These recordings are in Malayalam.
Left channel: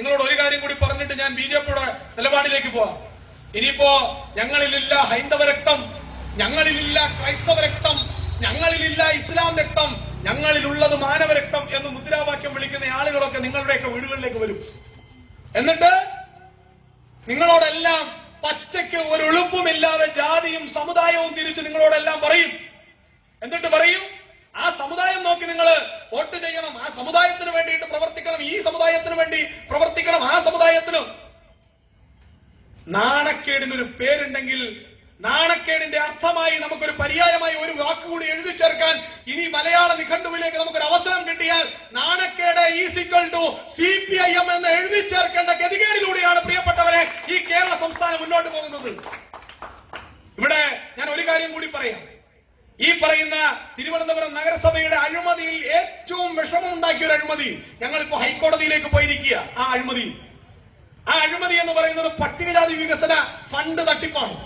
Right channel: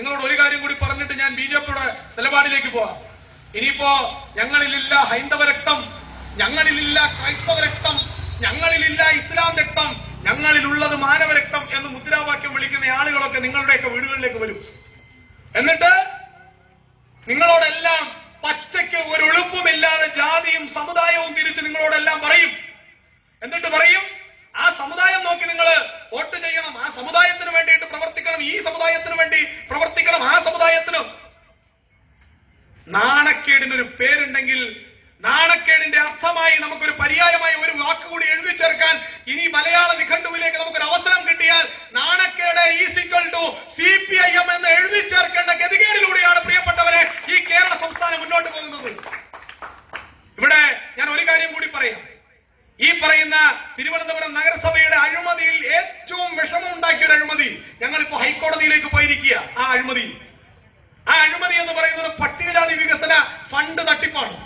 നിങ്ങളോട് ഒരു കാര്യം കൂടി പറഞ്ഞിട്ട് ഞാൻ ബിജെപിയുടെ നിലപാടിലേക്ക് പോവാം. ഇനിയിപ്പോ ഞങ്ങളിലില്ല ഹൈന്ദവ രക്തം, ഞങ്ങളിലില്ല ക്രൈസ്തവ രക്തം, ഞങ്ങളിലില്ല ഇസ്ലാം രക്തം, ഞങ്ങളിലുള്ളത് മാനവരക്തം എന്ന് മുദ്രാവാക്യം വിളിക്കുന്ന ആളുകളൊക്കെ നിങ്ങളുടെയൊക്കെ വീടുകളിലേക്ക് വരും. എന്നിട്ട് നിങ്ങളോടെല്ലാം പച്ചയ്ക്ക് ഒരു എളുപ്പമില്ലാതെ ജാതിയും സമുദായവും തിരിച്ച് നിങ്ങളോടെല്ലാം പറയും. എന്നിട്ട് പറയും, ആ സമുദായം നോക്കി നിങ്ങൾ വോട്ട് ചെയ്യണം, ആ സമുദായത്തിന് വേണ്ടിയിട്ട് പ്രവർത്തിക്കണം, ഈ സമുദായത്തിന് വേണ്ടി പ്രവർത്തിക്കണം, ആ സമുദായത്തിനും. നാണക്കേടിനൊരു പേരുണ്ടെങ്കിൽ നാണക്കേടിന്റെ അർത്ഥമായി നമുക്കൊരു പര്യായമായി ഒരു വാക്കുകൂടി എഴുതി ചേർക്കാൻ ഇനി മലയാള നിഘണ്ടുവിലേക്ക് നമുക്കൊരു അവസരം കിട്ടിയാൽ നാണക്കേട് = CPIM എന്ന് എഴുതി ചേർക്കേണ്ട ഗതികേടിലൂടെയാണ് പ്രിയപ്പെട്ടവരെ ഈ കേരള സംസ്ഥാനം മുന്നോട്ട് പോകുന്നത്. ഇവിടെ ഞാൻ ഒരു കാര്യം കൂടി പറയാം. ഈ പറയുന്ന തിരുവനന്തപുരം നഗരസഭയുടെ അഴിമതിയിൽ ഏറ്റവും വിഷമമുണ്ടാക്കിയ ഒരു അഴിമതി ഞങ്ങളിപ്പോ ഹൈക്കോടതിയിലേക്ക് പോയിരിക്കുക. ആ അഴിമതി എന്ന് പറയുന്നത് പട്ടികജാതി വികസന ഫണ്ട് തട്ടിപ്പാണ്.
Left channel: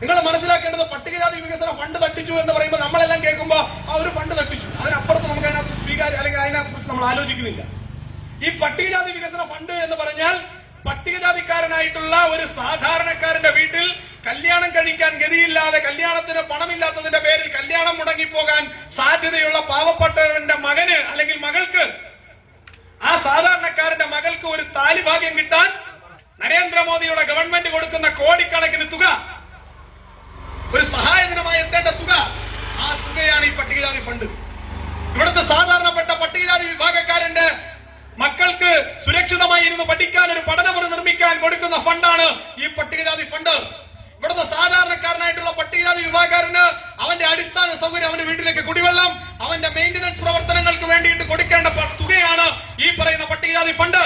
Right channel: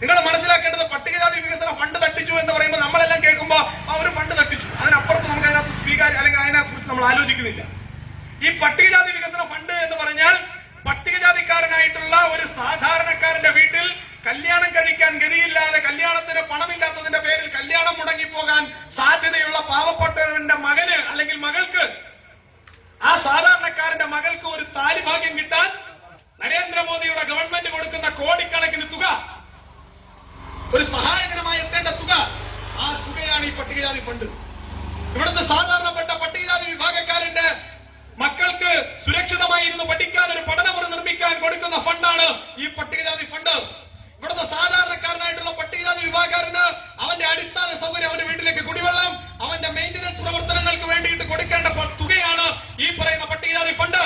നിങ്ങൾ മനസ്സിലാക്കേണ്ടത്, പട്ടികജാതി വികസന ഫണ്ട് തട്ടിച്ചു എന്ന് പറയുമ്പോൾ നമ്മളെല്ലാം കേൾക്കുമ്പോൾ ആ ഒരു ഫണ്ട് തട്ടിച്ചു, അതിനപ്പുറത്ത് നമുക്ക് അതിനകത്ത് സ്വീകാര്യം അല്ലെങ്കിൽ അതിനെക്കുറിച്ച് നമ്മൾ ആലോചിക്കുന്നില്ല. ഈ പട്ടികജാതി വികസന ഫണ്ട് എന്ന് പറഞ്ഞാൽ പട്ടികജാതിക്കാരനായിട്ടുള്ള ഒരു സാധാരണക്കാരന്റെ വീട്ടിൽ കല്യാണം കഴിക്കാൻ ഗതിയില്ലാതെ, കല്യാണത്തിന് പണമില്ലാത്തതിന്റെ പേരിൽ കല്യാണം മുടങ്ങിപ്പോകാൻ സാധ്യതയുള്ള പാവപ്പെട്ടവന്റെ മകന് അല്ലെങ്കിൽ മകൾക്ക്, ആ സാധാരണക്കാരന്റെ മകൾക്ക് ഒരു താലിഭാഗ്യം കിട്ടാൻ നരേന്ദ്രമോദിയുടെ ഗവൺമെന്റ് കൊടുക്കുന്ന കോടിക്കണക്കിന് തുക, ഒരു സഹായകരമായി എത്തേണ്ട തുക, ആ തുകയാണ് ഈ പട്ടികജാതി ഫണ്ട്. ഇവിടുത്തെ സാധാരണപ്പെട്ട പട്ടികജാതി വിഭാഗക്കാരന്റെ മക്കൾക്ക് സുരക്ഷിതമായി ഇരുന്ന് പഠിക്കാൻ ഒരു പഠനമുറി നിർമ്മിക്കാൻ കൊടുക്കുന്ന ഫണ്ടാണ് ഈ പട്ടികജാതി ഫണ്ട്. ഇവിടുത്തെ സാധാരണക്കാരനായിട്ടുള്ള പട്ടികജാതി വിഭാഗക്കാരന് അവന്റെ അടിസ്ഥാന സൗകര്യം, അവന്റെ വീട്ടിലേക്ക് കുടിവെള്ളം, അവന്റെ മെയിന്റനൻസ് പ്രവർത്തനങ്ങൾക്ക് വേണ്ടിയിട്ട് കൊടുക്കേണ്ട തുകയാണ് ഈ പറയുന്ന പട്ടികജാതി ഫണ്ട്.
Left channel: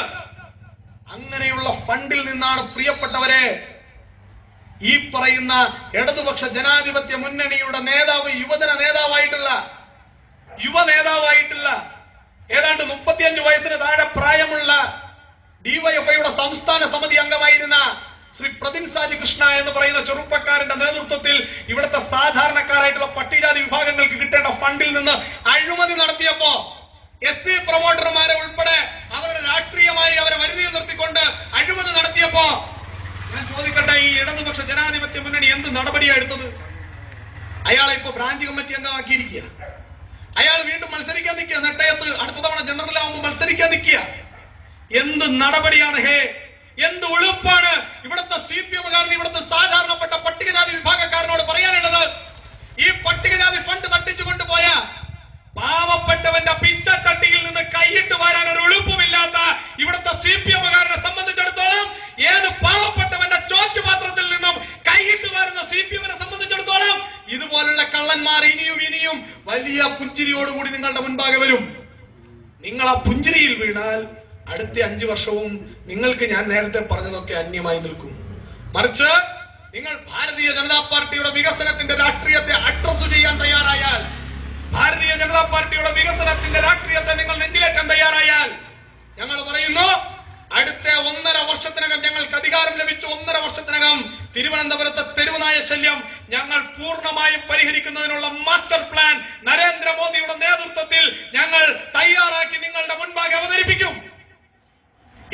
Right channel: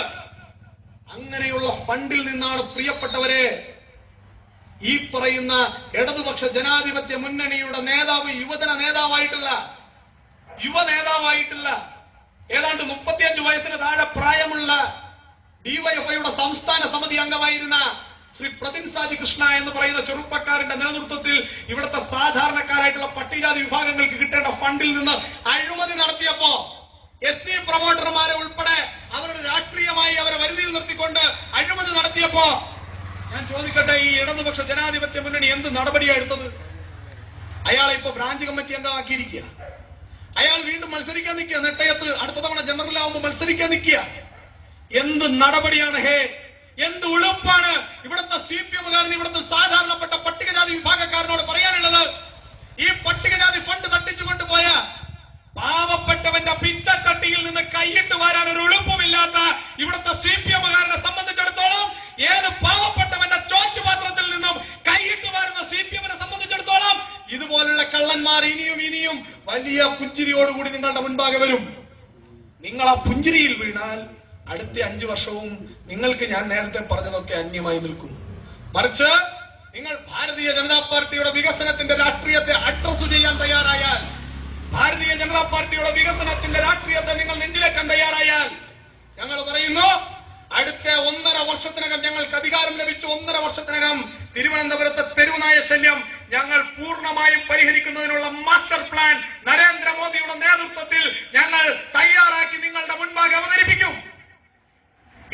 അങ്ങനെയുള്ള ഫണ്ടിൽ നിന്നാണ് പ്രിയപ്പെട്ടവരെ ഈ പറയുന്ന ഇടതുപക്ഷ ജനാധിപത്യ മുന്നണിയുടെ നേതാവ്, യുവ നേതാവായിട്ടുള്ള ഏതാണ്ട് 35 വയസ്സിന് താഴെ പ്രായമുള്ള ഡിവൈഎഫ്ഐയുടെ സംസ്ഥാന സമിതി അംഗമായിരുന്ന ശ്രീ പ്രതിൻ സാജി കൃഷ്ണ എന്ന് പറയുന്ന ചെറുപ്പക്കാരന്റെ നേതൃത്വത്തിൽ ഇവിടുത്തെ സാധാരണക്കാരായിട്ടുള്ള പട്ടികജാതി വിഭാഗങ്ങൾക്ക് കിട്ടേണ്ട ഫണ്ടിൽ നിന്ന് അഴിമതി നടത്തിയപ്പോ SC പ്രൊമോട്ടർമാരെ ഉൾപ്പെടെ അവരുടെ രാഷ്ട്രീയമായി അവരെ വരുതിയിൽ നിർത്തിക്കൊണ്ട് അഴിമതി നടത്തിയപ്പോ ഞാൻ ചോദിക്കട്ടെ, ഈ ഇടതുപക്ഷ ജനാധിപത്യ മുന്നണി എന്ത് നടപടിയാണ് എടുത്തത്? അയാളെ ഇപ്പൊ ബ്രാഞ്ച് കമ്മിറ്റി അംഗമാക്കിയിരിക്കുക. അയാൾ വീണ്ടും മത്സരിക്കാൻ നിൽക്കുക, നെട്ടയത്ത് അടുത്ത തവണ ജനറൽ ആവുമ്പോൾ മത്സരിക്കാൻ നിൽക്കുക. എന്ത് നടപടിയാണ് ഹേ, എന്ത് ഉളുപ്പാണ് ഇവിടുത്തെ CPM-കാരന് ഇവിടുത്തെ സാധാരണപ്പെട്ട പട്ടികജാതി വിഭാഗക്കാരനോട് പറയാനുള്ളത്? ഈ പട്ടികജാതി ഫണ്ട് തട്ടിച്ചുകൊണ്ടുപോയ പാവപ്പെട്ടവന്റെ പിച്ചച്ചട്ടിയിൽ നിന്ന് കൈയിട്ട് വരാൻ ഒരു എളുപ്പമില്ലാത്ത ഇവിടുത്തെ CPM-കാരനെ സംബന്ധിച്ചിടത്തോളം, ഏത് പാവപ്പെട്ടവന്റെ ചോറ്റുപാത്രത്തിൽ നിന്നും കൈയിട്ട് വരുന്ന CPM-നെ സംബന്ധിച്ചിടത്തോളം ഇതുപോലുള്ള കള്ളന്മാർ ഇനിയും വലിയ പുഞ്ചിരിയോടുകൂടി നിങ്ങളുടെ മുൻപാകെ വരും. നിങ്ങൾ ആ പുഞ്ചിരിയിൽ വീണാൽ അടുത്ത 5 വർഷവും നിങ്ങൾക്ക് ഞാൻ നേരത്തെ പറഞ്ഞതൊക്കെ അന്യമായി നിൽക്കും. മറിച്ച് നിങ്ങൾ ഭാരതീയ ജനതാ പാർട്ടിയുടെ വികസനത്തിന്റെ രാഷ്ട്രീയത്തെ അഡ്രസ് ചെയ്യാൻ തയ്യാറായാൽ, ഭാരതീയ ജനതാ പാർട്ടിയുടെ വികസനത്തിന്റെ രാഷ്ട്രീയത്തെ നിങ്ങൾ നെഞ്ചിലേക്കാൻ തയ്യാറായാൽ, ഞങ്ങൾ പറയുന്നു, അടുത്ത 1.5 വർഷത്തിനകം, ഞങ്ങൾക്ക് അധികാരം ലഭിച്ച 1.5 വർഷത്തിനകം തിരുവനന്തപുരത്തെ തെരുവുനായ ശല്യം ഞങ്ങൾ പൂർണ്ണമായും പരിഹരിക്കുന്നതിനുള്ള മാസ്റ്റർ പ്ലാൻ നരേന്ദ്രമോദിയുടെ നേതൃത്വത്തിൽ ഞങ്ങൾ തയ്യാറാക്കി നിങ്ങളുടെ മുൻപാകെ അവതരിപ്പിക്കും.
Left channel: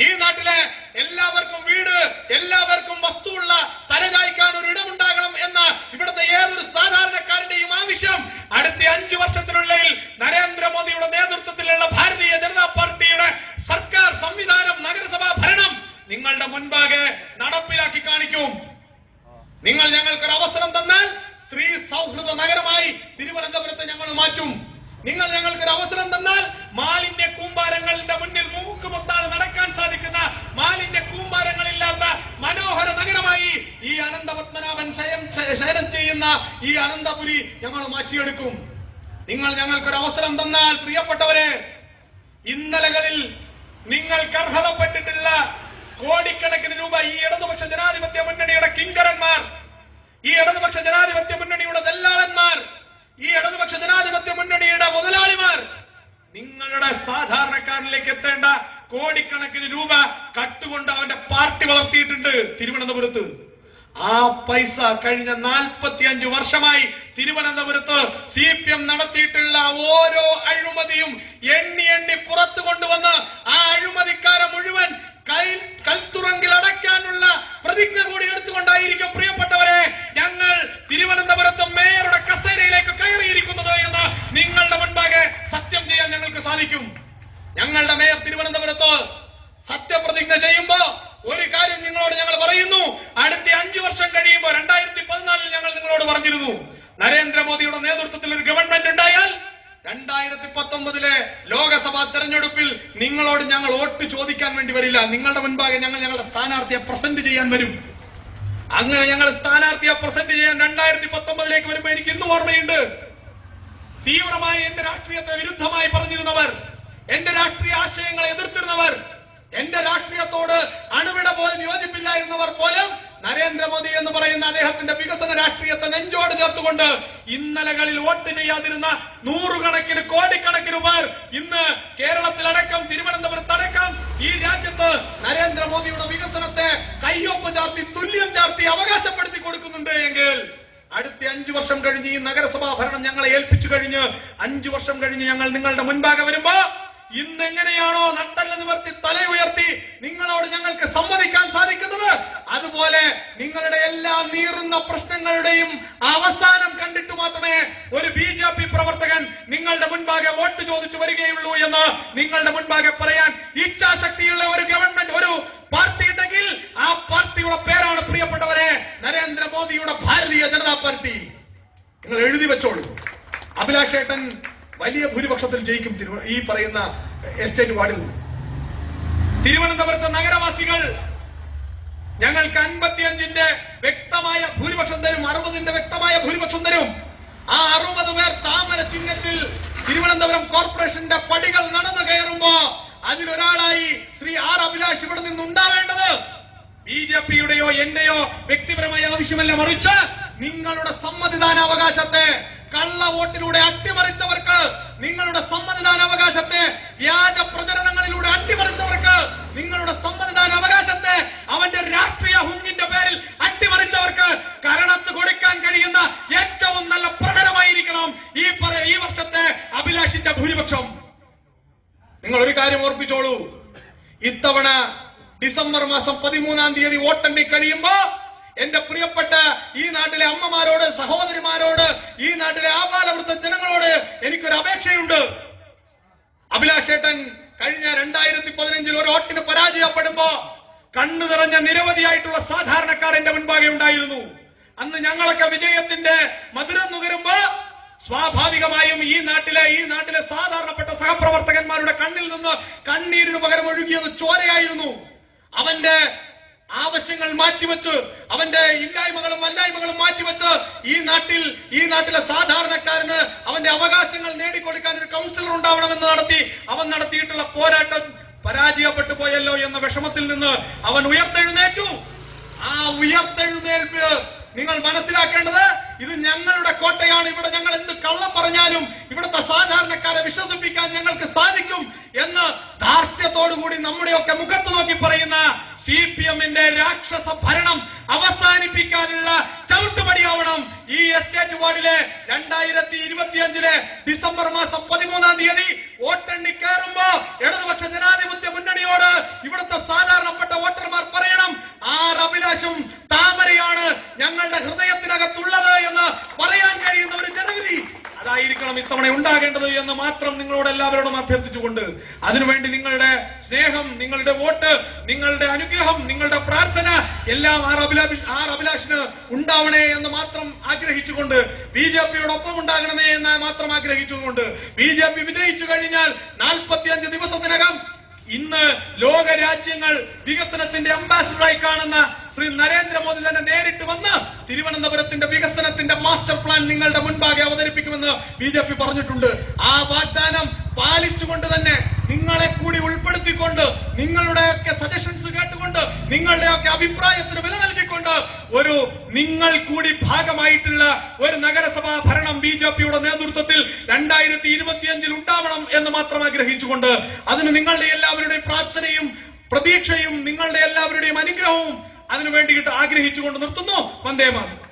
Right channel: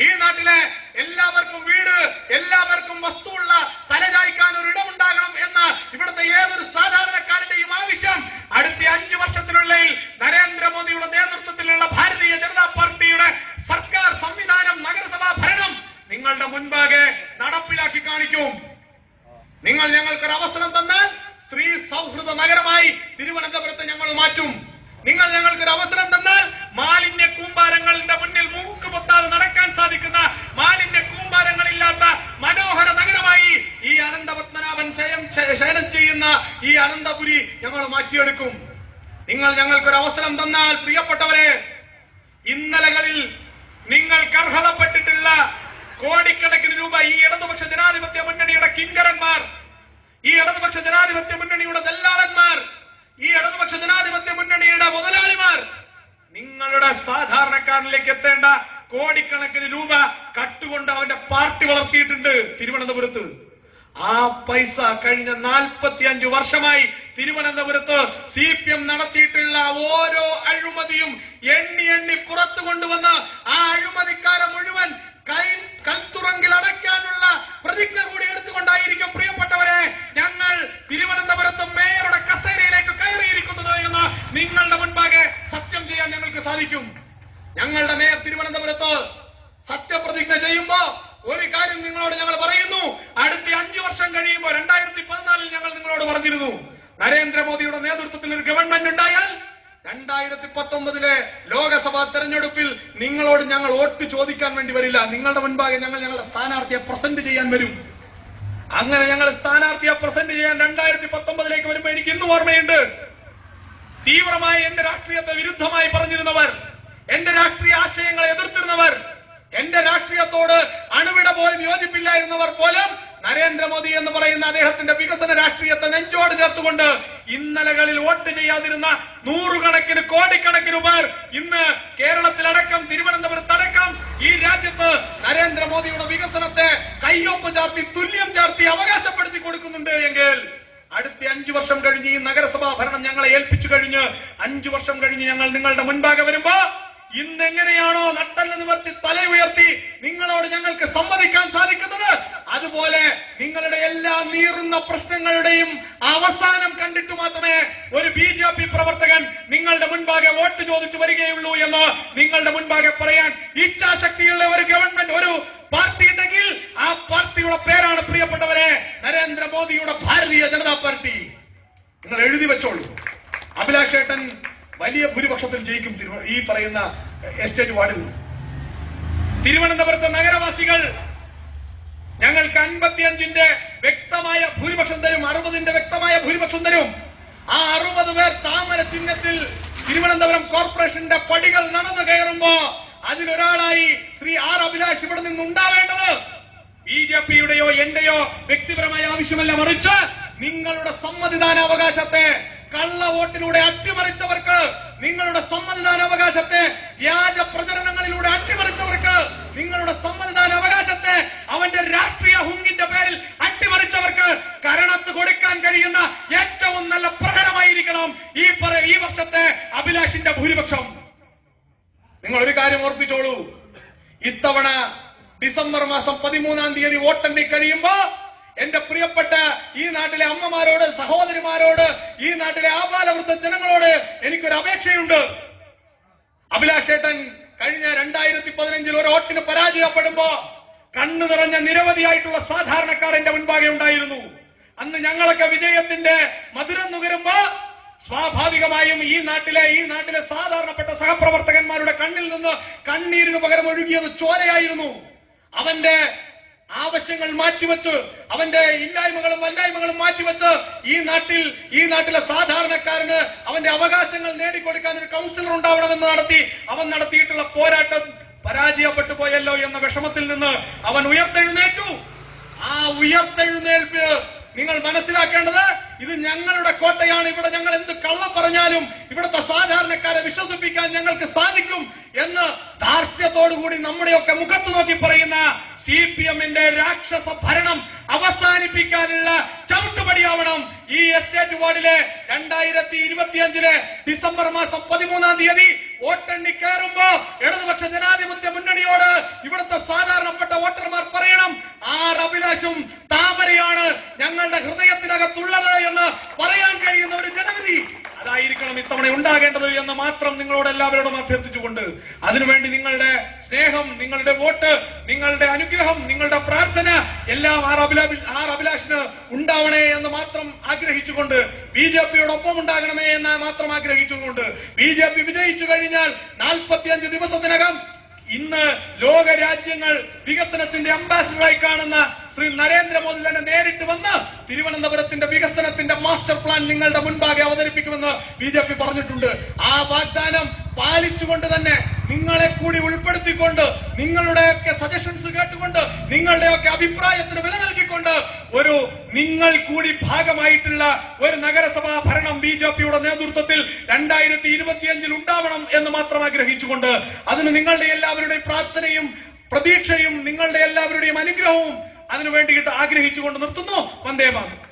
ഈ നാട്ടിലെ എല്ലാവർക്കും വീട്, എല്ലാവർക്കും വസ്തുവുള്ള തലചായ്ക്കാൻ ഒരു ഇടമുണ്ടാകണം എന്ന ഇവിടുത്തെ ഏതൊരു സാധാരണക്കാരന്റെയും ആവശ്യം അടുത്ത 5 വർഷത്തിനുള്ളിൽ നരേന്ദ്രമോദിയുടെ നേതൃത്വത്തിലുള്ള ഭാരതീയ ജനതാ പാർട്ടിയുടെ സർക്കാർ സംവിധാനം, നഗരസഭാ ഭരണം നിങ്ങളുടെ മുൻപാകെ നടപ്പിലാക്കി കാണിക്കും. നിങ്ങൾ ഞങ്ങൾക്കൊരു അവസരം തന്നാൽ സ്ത്രീ സൗഹൃദ നഗരമായി തിരുവനന്തപുരത്തെ ഞങ്ങൾ മാറ്റും. നിങ്ങൾ ഞങ്ങൾക്കൊരു അവസരം തന്നാൽ മാലിന്യ കൂമ്പാരങ്ങളുടെ മുന്നിൽ മൂക്ക് പൊത്താതെ നടക്കാൻ സാധിക്കുന്ന, മാലിന്യ കൂമ്പാരങ്ങളില്ലാത്ത മനോഹര നഗരമായി ഈ അനന്തപത്മനാഭൻ ശയനം ചെയ്യുന്ന ഈ അനന്തപുരി ഞങ്ങൾ മാറ്റിയെടുക്കും. നിങ്ങൾ ഞങ്ങൾക്കൊരു അവസരം തന്നാൽ പ്രിയപ്പെട്ടവരെ, ഇന്നലകളിൽ നിങ്ങൾക്ക് അർഹതപ്പെട്ടിട്ടുള്ള കോടിക്കണക്കിന് രൂപ ഈ ഇടതുപക്ഷ ജനാധിപത്യ മുന്നണിയുടെ കിങ്കരന്മാർ, ഈ ഇടതുപക്ഷ ജനാധിപത്യ മുന്നണിയുടെ ദല്ലാളന്മാർ, ഈ ഇടതുപക്ഷ ജനാധിപത്യ മുന്നണിയുടെ മുതലാളിമാർ നിങ്ങളുടെ സാധാരണക്കാരനിലേക്ക് എത്തേണ്ട കോടിക്കണക്കിന് രൂപ കട്ടുകൊണ്ട് അവന്റെ പാർട്ടി വളർത്തിയിട്ടുണ്ട് തിരുവനന്തപുരത്ത്. ആ പൈസ കഴിഞ്ഞ 45 വർഷമായി തിരുവനന്തപുരത്ത് CPM നടത്തിയിട്ടുള്ള ഓരോ അഴിമതിയും എണ്ണി പുറത്തു കൊണ്ടുവന്ന് ആ അഴിമതിക്കാരെ മുഴുവൻ ഇങ്ങനെ ചെയ്യുമ്പോ ഒരു കാര്യം നിങ്ങളോട് ഞങ്ങൾ പറയുന്നു. അടുത്ത 5 വർഷം കഴിയുമ്പോൾ 2014 ഞങ്ങൾ നിങ്ങളോട് പറഞ്ഞിരുന്നു, നരേന്ദ്രമോദിയുടെ നേതൃത്വത്തിൽ ഒരു ഗവൺമെന്റ് ഉണ്ടായാൽ 2019 ലോകസഭാ തെരഞ്ഞെടുപ്പിൽ നിങ്ങളോട് ഞങ്ങൾ വോട്ട് ചോദിക്കാൻ വേണ്ടി വരില്ല. നിങ്ങളുടെ മുൻപാകെ ഞങ്ങളുടെ സ്ഥാനാർത്ഥിയെ പ്രസന്റ് ചെയ്യാൻ വരും. അങ്ങനെ ഞങ്ങൾ സ്ഥാനാർത്ഥിയെ പ്രസന്റ് ചെയ്യാൻ 2019 വരുമ്പോൾ എനിക്ക് ഇന്നും ഓർമ്മയുണ്ട്. തീവ്രമായി എന്റെ രാഷ്ട്രീയത്തെ വിരുദ്ധമായി പറഞ്ഞിരുന്നവർ, എന്റെ രാഷ്ട്രീയ ആശയങ്ങളെ എതിർത്തിരുന്നവർ, എന്റെ രാഷ്ട്രീയത്തോട് അണുവിട പോലും യോജിപ്പില്ലായിരുന്നവർ പോലും നരേന്ദ്രമോദി എന്ന് പറയുന്ന അദ്ദേഹത്തിന്റെ വികസന രാഷ്ട്രീയത്തെ നെഞ്ചോട് ചേർത്തുകൊണ്ട് ഇന്നലകളിൽ വോട്ട് ചെയ്യാതിരുന്ന നൂറുകണക്കിന് കോടിക്കണക്കിന് പേർ ഇന്ന് കേരളത്തിലടക്കം തിരുവനന്തപുരത്തടക്കം ഈ രാജ്യത്ത് നരേന്ദ്രമോദിയുടെ വികസനത്തെ കയ്യൊപ്പ് ചാർത്തി തുല്യം ചാർത്തി അവകാശപ്പെടുത്തി കൊടുക്കുന്നുണ്ട് എങ്കിൽ അടുത്ത 5 വർഷം കഴിഞ്ഞ് ഈ നഗരസഭാ ഭരണം ഞങ്ങളെ ഏൽപ്പിച്ചു കഴിഞ്ഞ് 5 വർഷം കഴിഞ്ഞ് ഞങ്ങൾ നിങ്ങളുടെ മുൻപാകെ വരുമ്പോ ഇന്നെങ്ങനെയാണോ നട്ടല് നിവർത്തി തല ഉയർത്തി നിങ്ങളോട് ഞങ്ങൾക്ക് സമ്മതിക്കാൻ സാധിക്കുന്നത്, അതുപോലെ നിങ്ങളുടെ എല്ലാ നീറുന്ന പ്രശ്നങ്ങളുടെയും അവസാനം കണ്ടിട്ട് മാത്രമേ ഒരു BJP പ്രവർത്തകൻ നിങ്ങളുടെ മുൻപാകെ വോട്ട് ചോദിച്ചു വരികയുള്ളൂ എന്ന് നിങ്ങളുടെ മുൻപാകെ പറയാൻ ഇച്ഛാശക്തിയുള്ള ഒരു ഗവൺമെന്റ്, ഒരു പാർട്ടി ഉണ്ടെങ്കിൽ ആ പാർട്ടിയുടെ പേരാണ് പ്രിയപ്പെട്ടവരെ നരേന്ദ്രമോദിയുടെ ഭാരതീയ ജനതാ പാർട്ടി. നിങ്ങൾ എഴുതി വെച്ചോളൂ. അഭിലാഷ് ഏട്ടൻ വലിയ ഭൂരിപക്ഷത്തിൽ ജയിക്കും ഈ പറയുന്ന എസ്റ്റേറ്റ് വാർഡിൽ. തിരുവനന്തപുരത്തെ നഗരവാസികൾ ഞങ്ങൾക്ക് 55 വ്യക്തമായ ഭൂരിപക്ഷം തരും, 60 വ്യക്തമായ ഭൂരിപക്ഷം തരും. ആ 60 പേർ താമര ചിഹ്നത്തിൽ തിരുവനന്തപുരം കോർപ്പറേഷന്റെ പടികൾ നടന്നു കയറുമ്പോ അതിലൊരാളായി ശ്രീ ആർ അഭിലാഷ് ഇവിടെ നിന്നുണ്ടാവേണ്ടത് BJPയുടെയോ എന്റെയോ വ്യക്തിപരമായ ആവശ്യമല്ല, മറിച്ച് നിങ്ങളുടെ സമ്മതിദാനാവകാശത്തെ കള്ള വോട്ടിലൂടെ അട്ടിമറിച്ചവർക്ക്, നിങ്ങളുടെ സമ്മതിദാനാവകാശത്തെ വ്യാജ പ്രചരണങ്ങളിലൂടെ അട്ടിമറിച്ചവർക്ക്, നിങ്ങളുടെ സമ്മതിദാനാവകാശത്തെ അവന്റെ രാഷ്ട്രീയ ഹുങ്കിന്റെ പേരിൽ അട്ടിമറിച്ചവർക്ക് കരണത്ത് കൊടുക്കാൻ കഴിയുന്ന ഏറ്റവും നല്ല പ്രഹരമായിരിക്കണം ഈ വർഷത്തെ അഭിലാഷിന്റെ ഭൂരിപക്ഷം. നിങ്ങൾ ഒരു കാര്യം ഓർപ്പിച്ചോളൂ, ഇത്തവണ ഡിസംബർ മാസം 13-ാം തീയതി വോട്ടെണ്ണി കഴിയുമ്പോ എന്റെ പ്രിയപ്പെട്ട ഈ നാട്ടിലെ അമ്മമാരോട്, സഹോദരിമാരോട്, ഈ നാട്ടിലെ ആബാലവൃദ്ധ ജനങ്ങളോട് എനിക്കൊരു അപേക്ഷയുണ്ട്. അഭിലാഷ് ഏട്ടൻ കഴിഞ്ഞ 2015 ഒരു വോട്ടിന് പരാജയപ്പെടുമ്പോ കണ്ണു നിറഞ്ഞ നിരവധിയായിട്ടുള്ള സാധാരണക്കാർ എന്റെ മുൻപാകെ ഉണ്ടായിരുന്നു. അന്ന് ഞങ്ങളൊക്കെ വിജയത്തിന്റെ മധുരം നുകരുമ്പോ സ്വാഭാവികമായും ഈ നാട്ടിലെ സാധാരണപ്പെട്ട സഹപ്രവർത്തകന്മാരുടെ കണ്ണിൽ നിന്ന് കണ്ണീരിന് പകരം ഒഴുകിയത് ചോരയായിരുന്നു. അവന്റെ ആവശ്യങ്ങൾ മാറ്റിവെച്ച്, അവന്റെ ഇല്ലായ്മകളും വല്ലായ്മകളും മാറ്റിവെച്ച് ഈ നാട്ടിലെ സാധാരണക്കാരന് അവന്റെ അവകാശങ്ങൾ നേടിക്കൊടുക്കാൻ ഒരു കൗൺസിലർ ഉണ്ടാവണമെന്ന് അവൻ നടത്തിയിട്ടുള്ള പോരാട്ടം പരാജയപ്പെട്ടു പോയല്ലോ എന്ന വിഷമത്തിൽ നിന്ന് അവൻ ഉയർത്തെഴുന്നേറ്റു. ആ ഉയർത്തെഴുന്നേൽപ്പ് നിങ്ങൾ മനസ്സിലാക്കേണ്ടത്, ഇത് ഞങ്ങളുടെ കോട്ടയാണ്, ഇവിടെ ഞങ്ങൾ എന്ത് കള്ളം പറഞ്ഞാലും ഇവിടുത്തെ സാധാരണക്കാരെ വിശ്വസിപ്പിക്കാൻ ഞങ്ങൾക്ക് സാധിക്കും എന്ന് ധാർഷ്ട്യത്തോടുകൂടി നമ്മുടെയൊക്കെ മുഖത്ത് നോക്കി പറയുന്ന CPMന്റെ രാക്ഷസ ഭരണം അവസാനിപ്പിക്കാനുള്ള ചവിട്ടുപടിയാവണം ഈ എസ്റ്റേറ്റ് വാർഡിലെ 2025 ഡിസംബർ മാസം 13-ാം തീയതി വോട്ടെണ്ണി കയറുമ്പോ ഇടതുപക്ഷ ജനാധിപത്യ മുന്നണിയോട് ഇവിടുത്തെ സാധാരണപ്പെട്ട വോട്ടർമാർ പറയണം, ആർ അഭിലാഷും താമരയാണ് ഞങ്ങളുടെ ഹൃദയത്തിനകത്തുള്ളത് എന്ന് പറയാൻ കഴിയുന്ന ഒരു ജനവിധി അതായിരിക്കണം ഇത്തവണ ഉണ്ടാകേണ്ടത് എന്ന് മാത്രം നിങ്ങളോട് എല്ലാവരോടും അഭ്യർത്ഥിച്ചുകൊണ്ട്, അതിനുവേണ്ടി നിങ്ങളുടെ സ്നേഹം, നിങ്ങളുടെ വോട്ട്, നിങ്ങളുടെ അനുഗ്രഹം, നിങ്ങളുടെ പ്രാർത്ഥന എല്ലാം ആർ അഭിലാഷിന് ഉണ്ടാവണേ എന്ന് മാത്രം ആഗ്രഹിച്ചുകൊണ്ട്, BJPയോടൊപ്പം ഉണ്ടാകണമേ എന്ന് മാത്രം ആഗ്രഹിച്ചുകൊണ്ട്, BJP വിജയിച്ചു കഴിഞ്ഞാൽ 45 ദിവസത്തിനകം ഇന്ന് ലോക രാജ്യങ്ങൾ വികസനത്തിന്റെ അംബാസിഡറായി കാണുന്ന ശ്രീ നരേന്ദ്രമോദി തന്നെ നേരിട്ട് വന്ന് തിരുവനന്തപുരത്തിന്റെ വികസനത്തിന്റെ മാസ്റ്റർ പ്ലാൻ നിങ്ങളുടെ മുൻപാകെ അവതരിപ്പിക്കുമെന്ന് BJP പറഞ്ഞിട്ടുണ്ട്. ആ വാഗ്ദാനം പാലിച്ചുകൊണ്ട് തന്നെ നിങ്ങളെ കൂടി ഉൾപ്പെടുത്തിക്കൊണ്ട്, നിങ്ങളുടെയൊക്കെ സജഷൻസ് കേട്ടുകൊണ്ട്, നിങ്ങളുടെയൊക്കെ അഭിപ്രായത്തിന് വില നൽകിക്കൊണ്ട് ഒരു നിങ്ങൾ കൂടി ഭാഗമായിട്ടുള്ള ഒരു നഗരസഭാ ഭരണം BJPയുടെ നേതൃത്വത്തിൽ 2025 ഉണ്ടാവണം എന്ന് മാത്രം ആഗ്രഹിച്ചുകൊണ്ട്, അതിന് നിങ്ങളുടെ എല്ലാവരുടെയും പ്രാർത്ഥനയും പ്രതീക്ഷയും നിങ്ങളുടെ എല്ലാവരുടെയും അനുഗ്രഹവും അതിനു വേണ്ടിയിട്ട് ആഗ്രഹിച്ചുകൊണ്ട് നിർത്തുന്നു. വന്ദേ മാതരം.